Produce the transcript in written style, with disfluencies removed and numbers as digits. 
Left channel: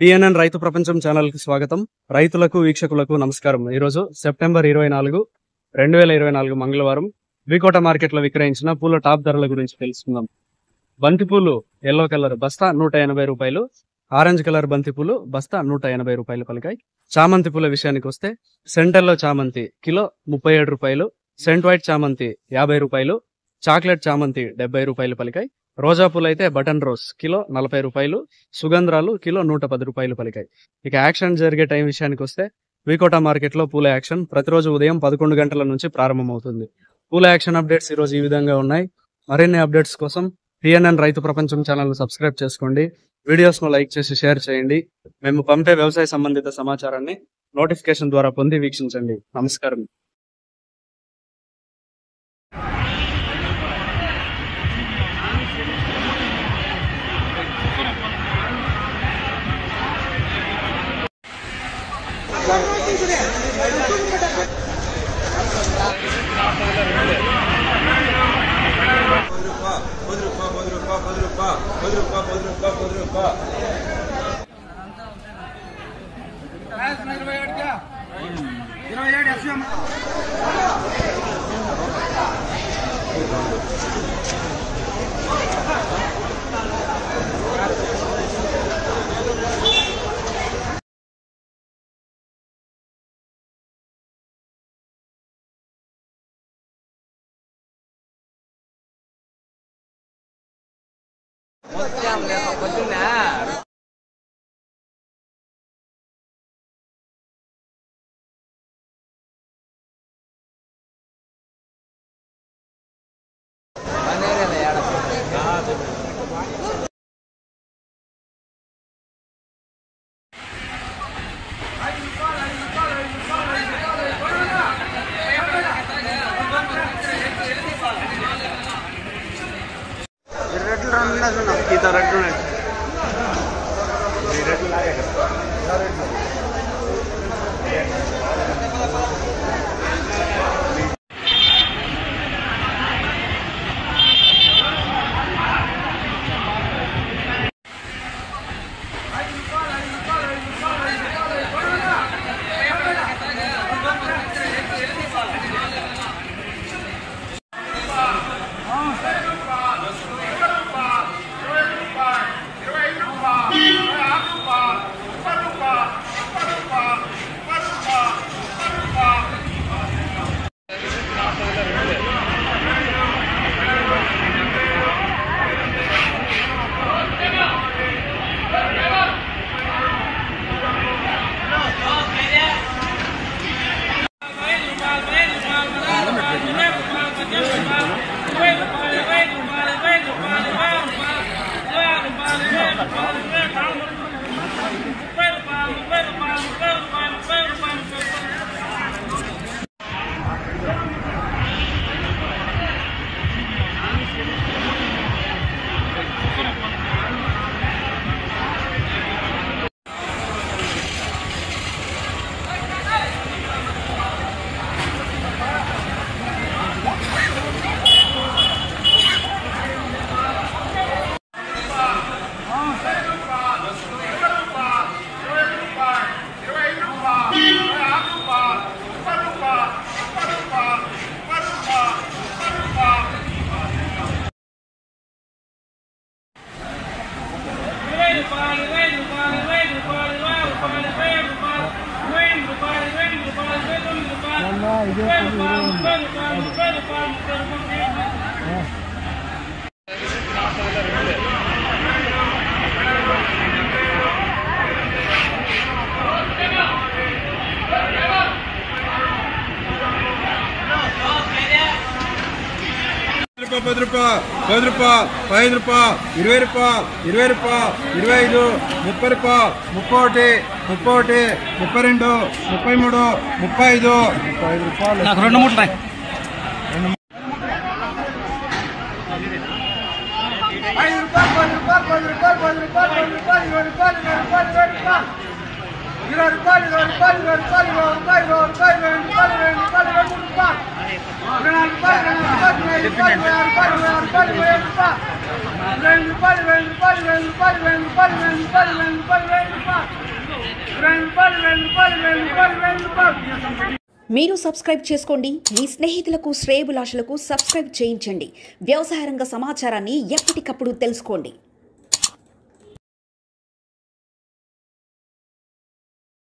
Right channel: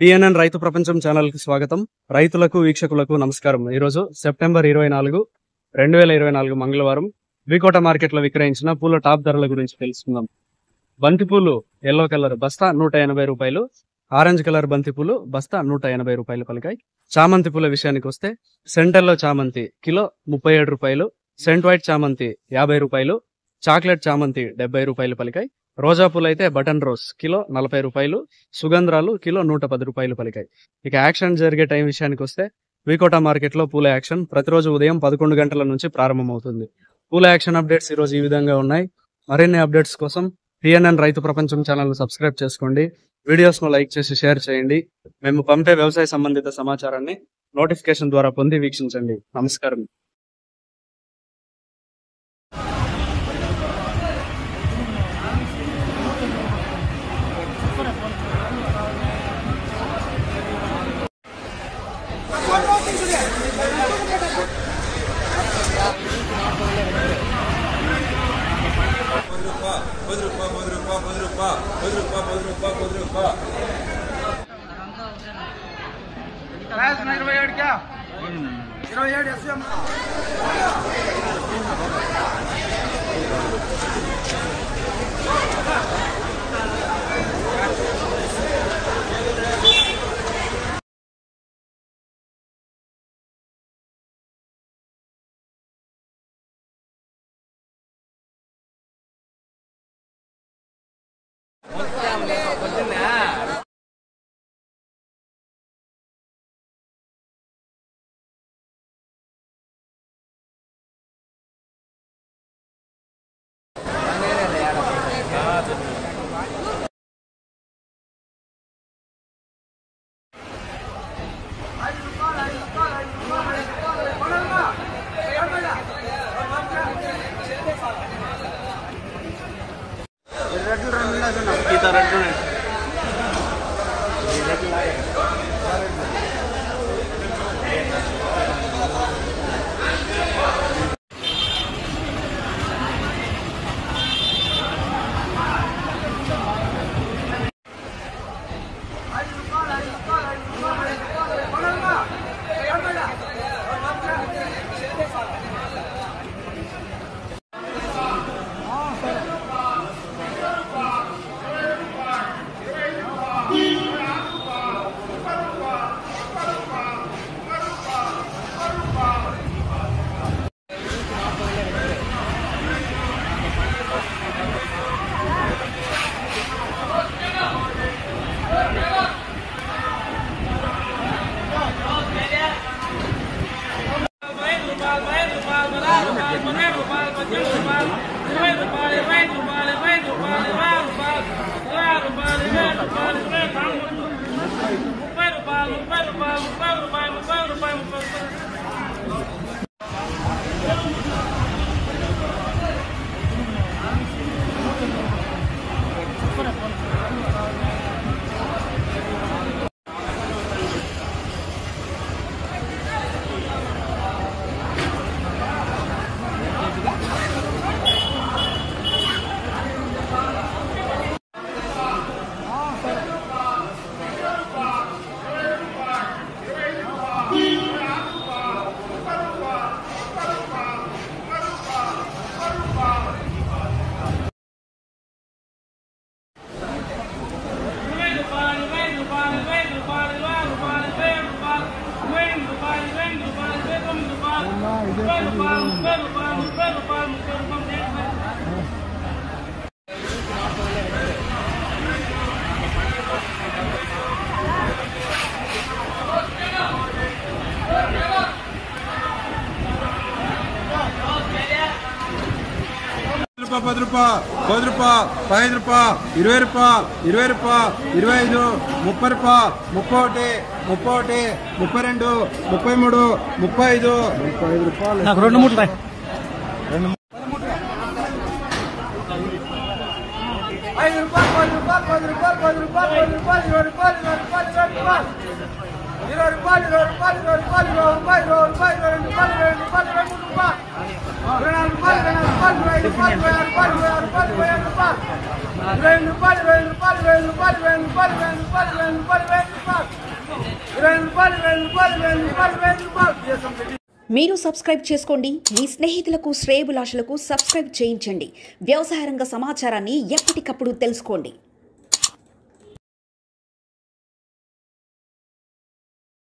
TNN రైతు ప్రపంచం channel కి స్వాగతం. రైతులకు వీక్షకులకు నమస్కారం. ఈ రోజు సెప్టెంబర్ 24, 2024 మంగళవారం వికోట మార్కెట్ లో విక్రయించిన పూల టాప్ ధరల గురించి తెలుసుకుందాం. బంతిపూలు ఎల్లో కలర్ బస్తా 180 రూపాయలు, ఆరెంజ్ కలర్ బంతిపూలు బస్తా 180 రూపాయలు పలికాయి. చామంతి పూల విషయానికి వస్తే సెంటర్లో చామంతి కిలో 37 రూపాయలు, సెంట్ వైట్ చామంతి 50 రూపాయలు, చాక్లెట్ చామంతి 70 రూపాయలు పలికాయి. రోజా పూలు అయితే బటన్ రోజ్ కిలో 40 రూపాయలు, సుగంధ్రాలు కిలో 110 రూపాయలు పలికాయి. ఇక యాక్షన్ జరిగే టైం విషయానికి వస్తే వికోట మార్కెట్ లో పూల యాక్షన్ ప్రతిరోజు ఉదయం 11 గంటల నుంచి ప్రారంభమవుతుంది. పూల యాక్షన్ అప్డేట్స్ ఈ రోజు ఈ విధంగా ఉన్నాయి. మరిన్ని అప్డేట్స్ కోసం టిఎన్ఎన్ రైతు ప్రపంచం ఛానల్ సబ్స్క్రైబ్ చేసుకోండి. వీడియోస్ ను లైక్ చేసి షేర్ చేయండి. మేము పంపే వ్యవసాయ సంబంధిత సమాచారాన్ని నోటిఫికేషన్ ద్వారా పొంది వీక్షించండి. నమస్కారం. ₹10, ₹10, ₹5, ₹20, ₹20, ₹25, ₹30, ₹31, ₹32, ₹33, ₹35. నాకు 2 మూటలు రాయి. ₹20 మీరు సబ్స్క్రైబ్ చేసుకోండి. మీ స్నేహితులకు శ్రేయోభిలాషులకు సబ్స్క్రైబ్ చేయించండి. వ్యవసాయ రంగ సమాచారాన్ని ఎప్పటికప్పుడు తెలుసుకోండి.